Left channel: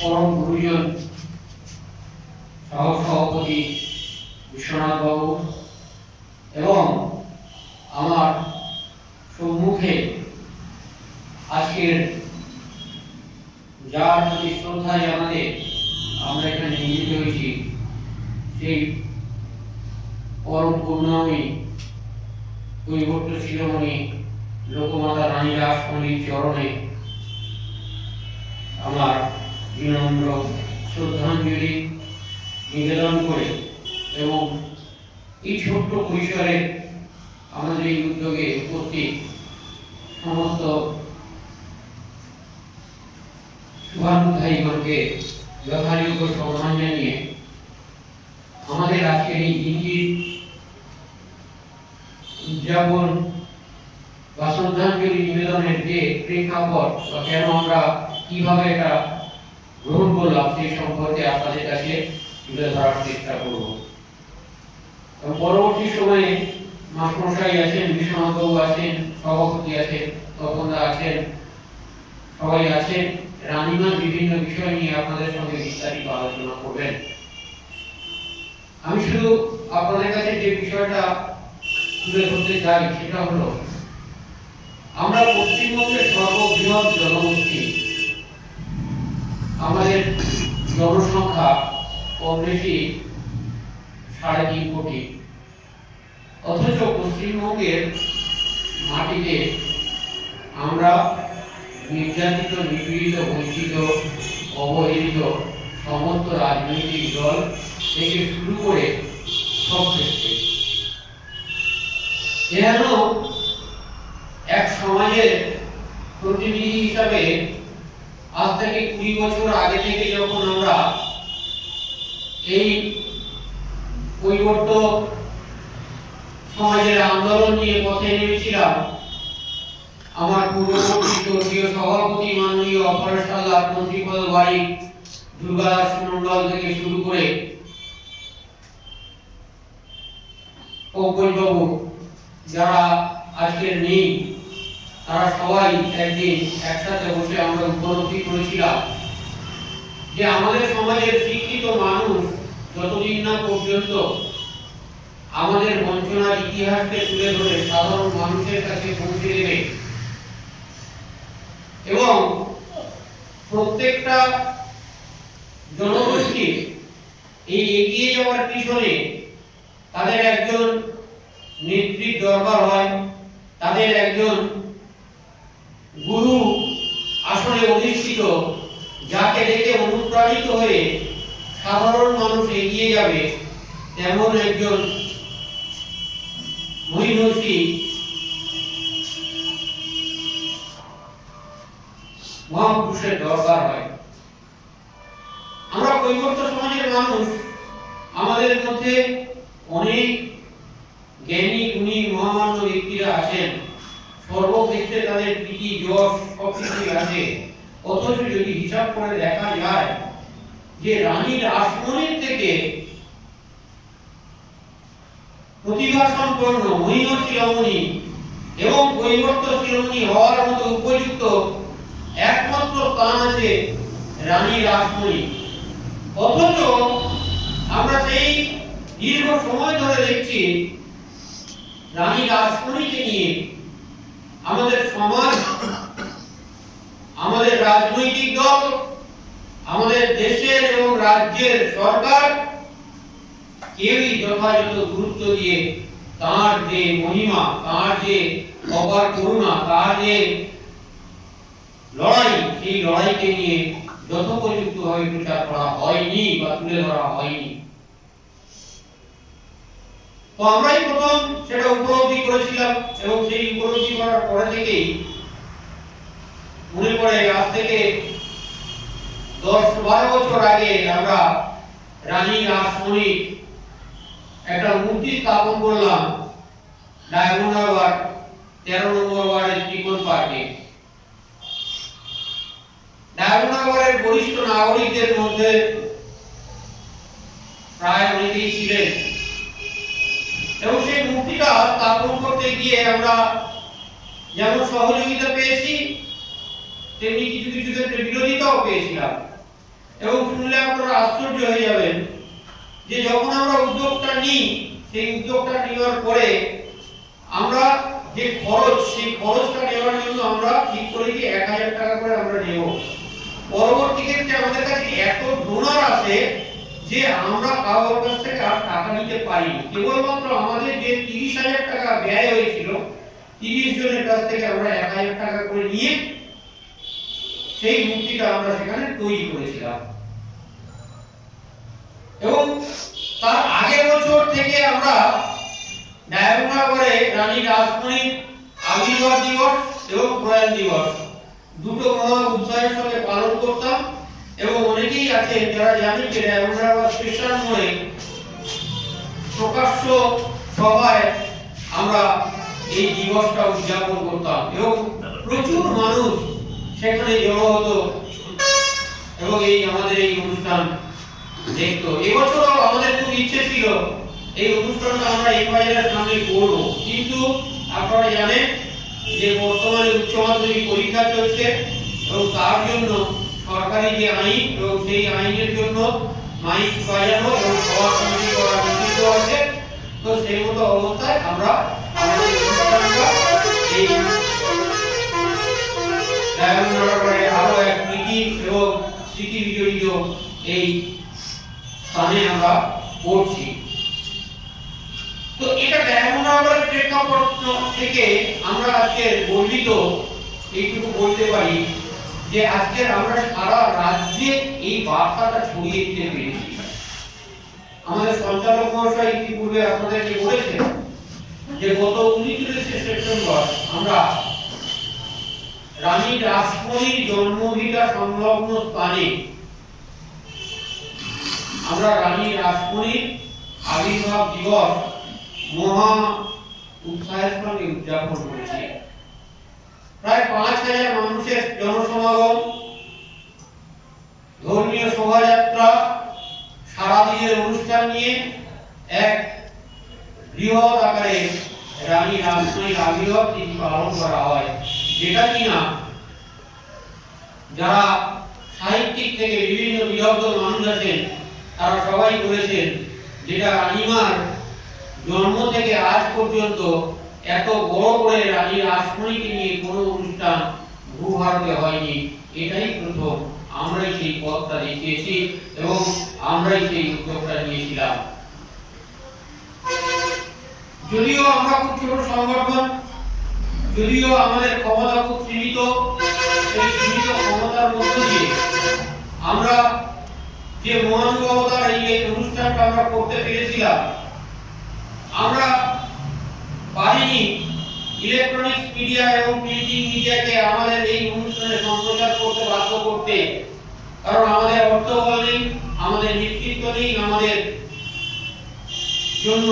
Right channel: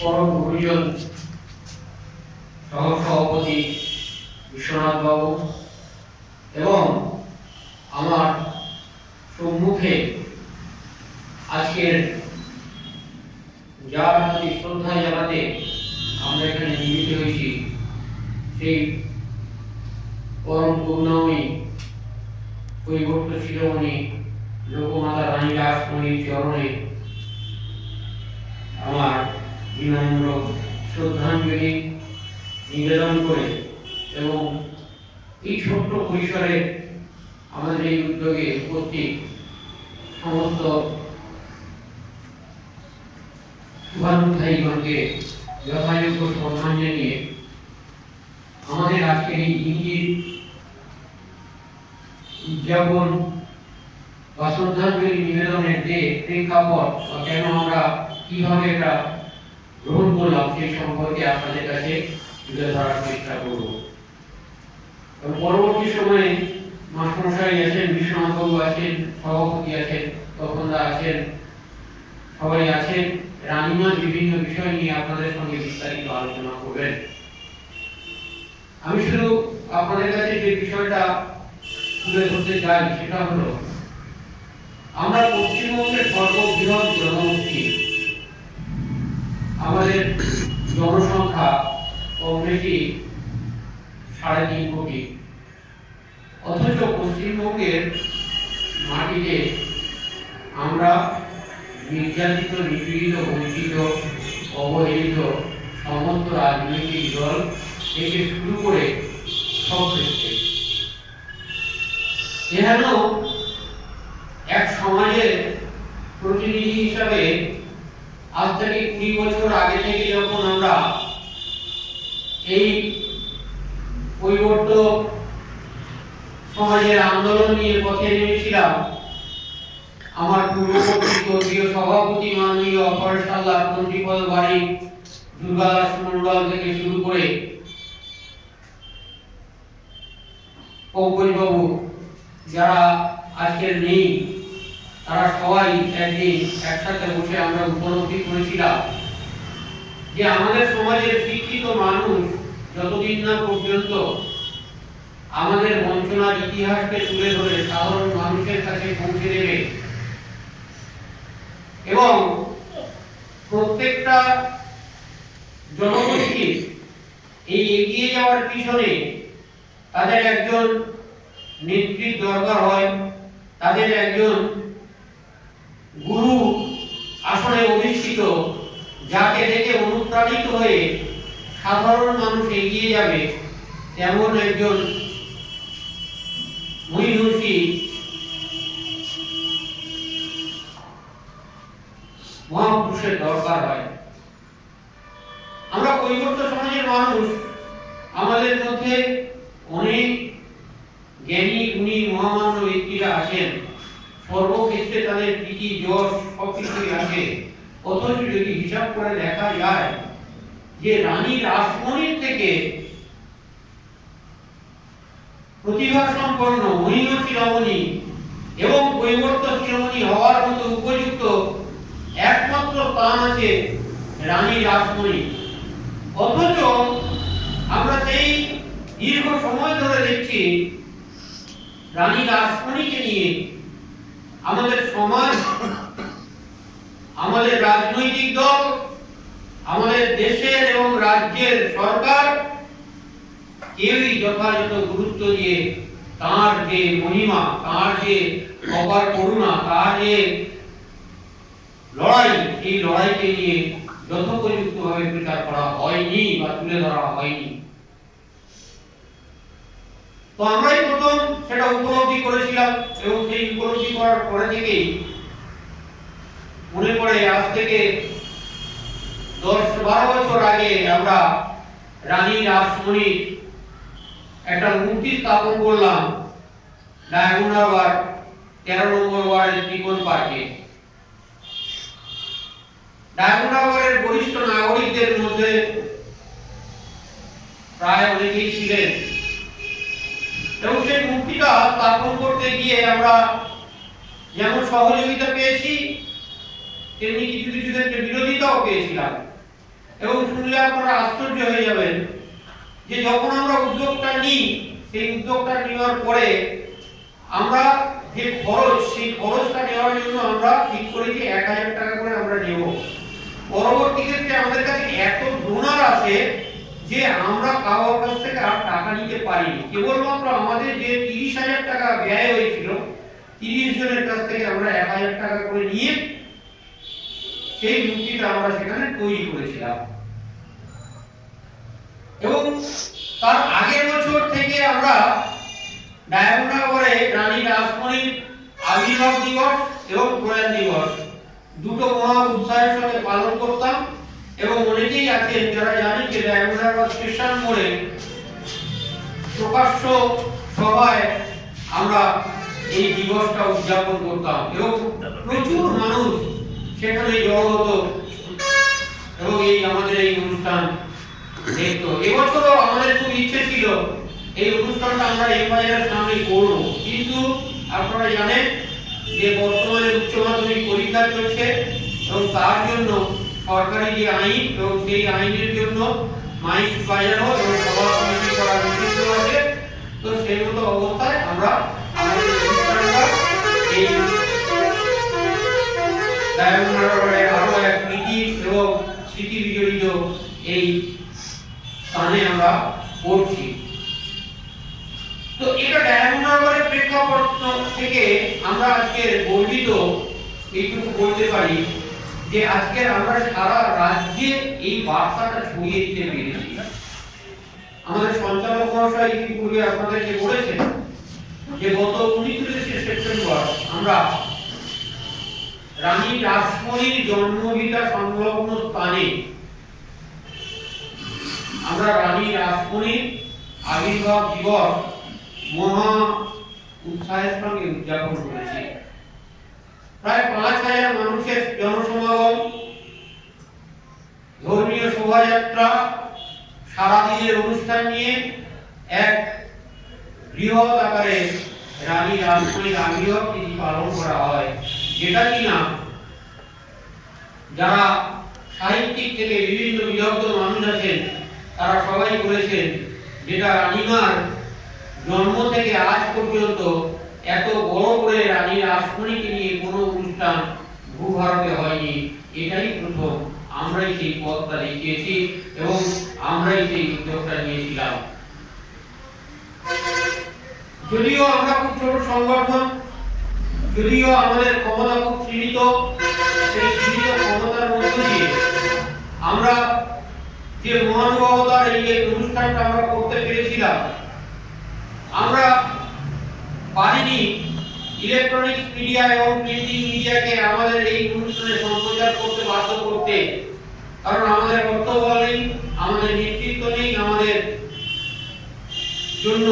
পরম গুরুজন সহসভাপতি বিশ্বনাথ বাবু এবং আমার সম্মুখে আজকের যার প্রতি শ্রদ্ধা জানাতে আমরা এখানে মিলিত হয়েছি সেই পরম করুণাময়ী কৈবর্ত শিরোমণি লোকমাতা রানী রাসমণির চরণে আমার বিনম্র শ্রদ্ধাঞ্জলি নিবেদন করে এবং এই ছোট্ট পরিসরে আমাদের এই উদ্যোগে উপস্থিত সমস্ত শুভানুধ্যায়ীগণকে যথাযোগ্য সম্মান জানিয়ে আমাদের আজকের এই দিনটির উদযাপন বা শ্রদ্ধাঞ্জলি নিবেদনের যে প্রেক্ষাপট বা কেন আমরা কিভাবে এটা গ্রহণ করলাম সেই সম্পর্কে আপনাদের কাছে তুলে ধরার চেষ্টা করব। পরবর্তী সময়ে মাস্টারমশাই আছেন, বিশ্বনাথবাবু আছেন, সভাপতি আছেন, তপনদা আছেন, সবাই আছেন। রানীমা বিভিন্ন বিষয় নিয়ে আপনাদের সঙ্গে বিস্তারিত আলোচনা করবেন। আমি শুধু আপনাদের কাছে যে বিষয়টা তুলে ধরতে চাই সেটা হলো আমরা পশ্চিমবঙ্গের সর্ববৃহৎ জনগোষ্ঠী, আমাদের জনসংখ্যা কম বেশি 3.5 কোটি, অথচ পশ্চিমবঙ্গের মাটিতে আমরা নির্যাতিত, নিপীড়িত, বঞ্চিত, অবহেলিত সমস্ত রাজনৈতিক দল থেকে শুরু করে সব ক্ষেত্রে যেন এক সমাজের প্রতিনিধি হিসাবে আজ থেকে 20 বছর আগে থেকে যখন আমরা এই কৈবর্ত সমাজের আন্দোলন নিয়ে পথে নেমেছিলাম, আমার পূর্ববর্তী স্বর্গীয় সভাপতি মাননীয় অপরেশাল্লাহ মন্ত্রীপদ বাড়ি দুর্গাদাস মন্ডল থেকে শুরু করে পঙ্কজবাবু যারা আজকের নেই, তারা সবাই একদিন একসাথে বসে আমরা উপলব্ধি করেছিলাম যে আমাদের সমাজের শিক্ষিত মানুষ যতদিন না পর্যন্ত আমাদের বঞ্চনার ইতিহাসকে তুলে ধরে সাধারণ মানুষের কাছে পৌঁছে দেবে এবং প্রত্যেকটা জনগোষ্ঠী এই এগিয়ে যাওয়ার পিছনে তাদের একজন নেত্রীর দরকার হয়, তাদের একজন গুরু আসলে অধিষ্ঠিত, যাকে দেখে অনুপ্রাণিত হয়ে সাধারণ মানুষ এগিয়ে যাবে, তেমন একজন মহিষী মহাপুরুষের দরকার হয়। আমরা কৈবর্ত সমাজের মানুষ, আমাদের মধ্যে অনেক জ্ঞানী গুণী মহামান্য ব্যক্তিরা আছেন, সর্বক্ষেত্রে তাদের প্রীতি যশ সবকিছুই আছে। অথচ যদি হিসাব করে দেখা যায় যে রানী রাসমণির থেকে প্রতিভা সম্পন্ন মহিম শিরোমণি এবং কৈবর্ত শিরোমণি হওয়ার মতো উপযুক্ত একমাত্র স্থান আছে রানী রাসমণি। অথচ আমরা সেই দীর্ঘ সময় ধরে দেখছি রানী রাসমণিকে নিয়ে আমাদের সমাজ, আমাদের রাজনৈতিক দল, আমাদের দেশের এবং রাজ্যের সরকার কেউই যথাযথ গুরুত্ব দিয়ে তার যে মহিমা, তার যে অপার করুণা, তার যে লড়াই, সেই লড়াইকে নিয়ে যথোপযুক্তভাবে প্রচার করা হয়নি বা তুলে ধরা হয়নি। তো আমরাই প্রথম সেটা উপলব্ধি করেছিলাম এবং সেই উপলব্ধি করার পরে থেকেই মনে পড়ে আজ থেকে 10-12 বছর আগে আমরা রানী রাসমণির একটা মূর্তি স্থাপন করলাম ডায়মন্ড হারবার 13 নম্বর ওয়ার্ডের ত্রিকোণ পার্কে। ডায়মন্ড হারবারের বরিষ্ঠ নাগরিকদের মধ্যে প্রায় অনেকেই ছিলেন এবং সেই মূর্তিটা স্থাপন করতে গিয়ে আমরা যেমন সহযোগিতা পেয়েছি তেমনি কিছু কিছু ক্ষেত্রে বিরোধিতাও পেয়েছিলাম। এবং শুনলে আপনারা আশ্চর্য হয়ে যাবেন যে যখন আমরা উদ্যোগটা নিই, সেই উদ্যোগটা নেওয়ার পরে আমরা যে খরচ, সেই খরচটা নেওয়ার জন্য আমরা ঠিক করি যে 1000 টাকা করে আমরা নেব। পরবর্তী ক্ষেত্রে আমাদের কাছে এত ডোনার আসে যে আমরা কারোর কাছ থেকে আর টাকা নিতে পারিনি। কেবলমাত্র আমাদের যে 30,000 টাকা ব্যয় হয়েছিল, 30 জনের কাছ থেকে আমরা 1000 টাকা করে নিয়ে সেই মূর্তিটা আমরা সেখানে তৈরি করেছিলাম। এবং তার আগের বছর থেকে আমরা ডায়মন্ডনগরে রানী রাসমণির আবির্ভাব দিবস এবং প্রয়াণ দিবস দুটো মহা উৎসাহের সঙ্গে পালন করতাম। এবং অনেকেই আছেন যারা জানেন যে ডায়মন্ডনগর স্টেশন মোড়ে প্রকাশ্য সভায় আমরা এই দিবসটা উদযাপন করতাম এবং প্রচুর মানুষ সেখানে জড়ো হতো এবং এই আমাদের এই অনুষ্ঠান দেখতো। এবছরও আমাদের খুব ইচ্ছে ছিল এই অনুষ্ঠানটা আমরা এই বাজারের সামনে করব, কিন্তু আপনারা জানেন যে বর্তমানে উচ্চ মাধ্যমিক পরীক্ষা চলছে এবং তার জন্য সরকারি যে আইন এবং সেই আইনের জন্য মাইক বাজানো এবং সভা সমিতি করা নিষিদ্ধ আছে। তো সেই মতো অবস্থায় আমরা আমাদের অনুষ্ঠানটা এই ডায়মন্ডনগরে আরো এক নীতি এবং স্মৃতি বিজড়িত এই স্থানে আমরা করছি। তো এটা ডায়মন্ডনগরের প্রেক্ষাপট থেকে আমরা আজকে গর্বিত এইটুকু বলতে পারি যে আজকে আমরা সারা রাজ্যে এই বার্তাটা ছড়িয়ে দিতে পেরেছি। আমাদের সঞ্চালক মহাশয় ইতিপূর্বে আপনাদেরকে বলেছেন যে গত 29 সেপ্টেম্বর আমরা রানী রাসমণির জন্মভিটা সংলগ্ন স্থানে আমরা রানী রাসমণির আবির্ভাব দিবস মহা উৎসাহের সঙ্গে উদযাপন করেছি। প্রায় 5000 মানুষের জনসমাগম, ধর্মীয় শোভাযাত্রা, সারাদিনের অনুষ্ঠান নিয়ে এক বৃহৎ আকারে রানী রাসমণির আবির্ভাব তিথি পালন করা হয়, যেটা কিনা যারা সাহিত্যিক থেকে বিভিন্ন বিদগ্ধ মানুষ আছেন তারা সবাই বলেছেন যেটা রানীমার জন্ম থেকে আজ পর্যন্ত এত বড় করে রানী রাসমণিকে নিয়ে কোনো অনুষ্ঠান ভূভারতে হয়নি। এটাই প্রথম। আমরাই সেই পথটা দেখিয়েছি এবং আমরাই সেই উদ্যোগটা নিয়েছিলাম। যদিও আমরা খুব ছোট সংগঠন, যদিও আমাদের ক্ষমতা খুব সীমিত, সেই সীমিত ক্ষমতার মধ্যে দিয়ে আমরা যে মহানুভবতার এই অনুষ্ঠানটা আমরা করতে পেরেছিলাম। আমরা পারিনি ইলেকট্রনিক্স মিডিয়া এবং প্রিন্টিং মিডিয়াকে আমাদের এই অনুষ্ঠানে সম্প্রচার করতে বাধ্য করতে, কারণ আমাদের অর্থবল নেই, আমাদের নেতৃত্ব নেই, আমাদের জন্য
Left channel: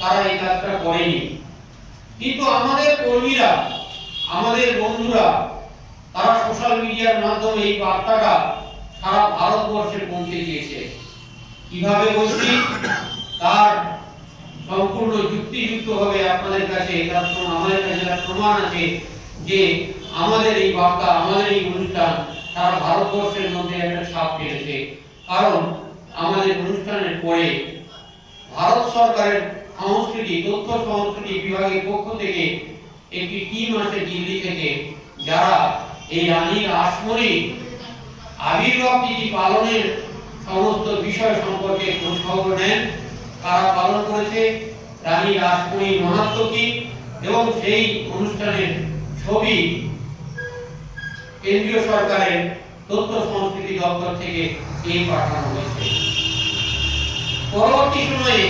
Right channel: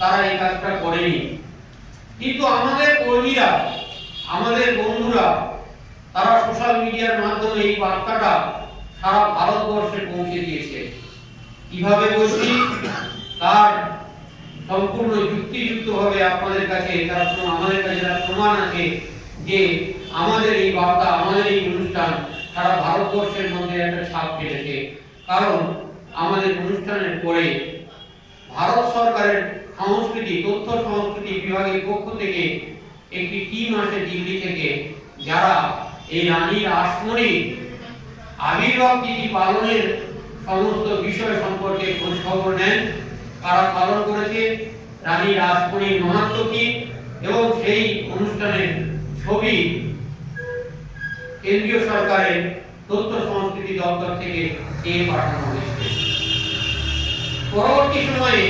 তারা এই কাজটা করেনি। কিন্তু আমাদের কর্মীরা, আমাদের বন্ধুরা, তারা সোশ্যাল মিডিয়ার মাধ্যমে এই বার্তাটা সারা ভারতবর্ষে পৌঁছে দিয়েছে। কিভাবে বলছি তার সম্পূর্ণ যুক্তিযুক্তভাবে আপনাদের কাছে আমাদের কাছে প্রমাণ আছে যে আমাদের এই বার্তা, আমাদের এই অনুষ্ঠান সারা ভারতবর্ষের মধ্যে একটা ছাপ ফেলেছে। কারণ আমাদের অনুষ্ঠানের পরে ভারত সরকারের সংস্কৃতি, তথ্য সংস্কৃতি বিভাগের পক্ষ থেকে একটি টিম আসে দিল্লি থেকে, যারা এই রানী রাসমণির আবির্ভাব তিথি পালনের সমস্ত বিষয় সম্পর্কে খোঁজ খবর নেন। তারা পালন করেছে রানী রাসমণির মাহাত্ম্য কি এবং সেই অনুষ্ঠানের ছবি কেন্দ্রীয় সরকারের তথ্য সংস্কৃতি দপ্তর থেকে দিয়ে পাঠানো হয়েছে। পরবর্তী সময়ে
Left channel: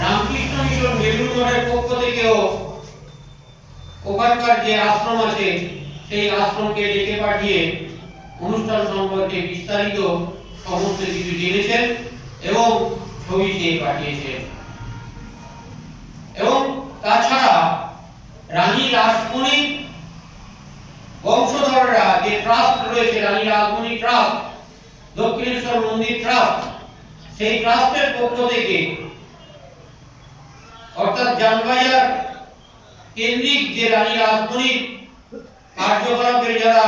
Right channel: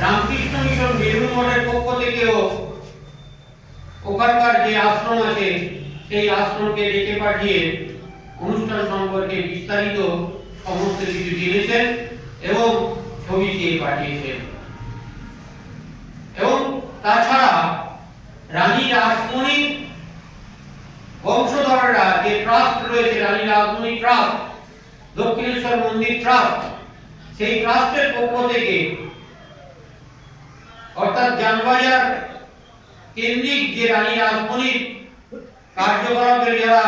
রামকৃষ্ণ মিশন বেলুড় মঠের পক্ষ থেকেও ওখানকার যে আশ্রম আছে সেই আশ্রমকে ডেকে পাঠিয়ে অনুষ্ঠান সম্পর্কে বিস্তারিত সমস্ত কিছু জেনেছেন এবং ছবি দিয়ে পাঠিয়েছেন। এবং তাছাড়া রানী রাসমণি বংশধররা যে ট্রাস্ট রয়েছে, রানী রাসমণি ট্রাস্ট, দক্ষিণেশ্বর মন্দির ট্রাস্ট, সেই ট্রাস্টের পক্ষ থেকে অর্থাৎ জানবাজার কেন্দ্রিক যে রানী রাসমণির কার্যকলাপের যারা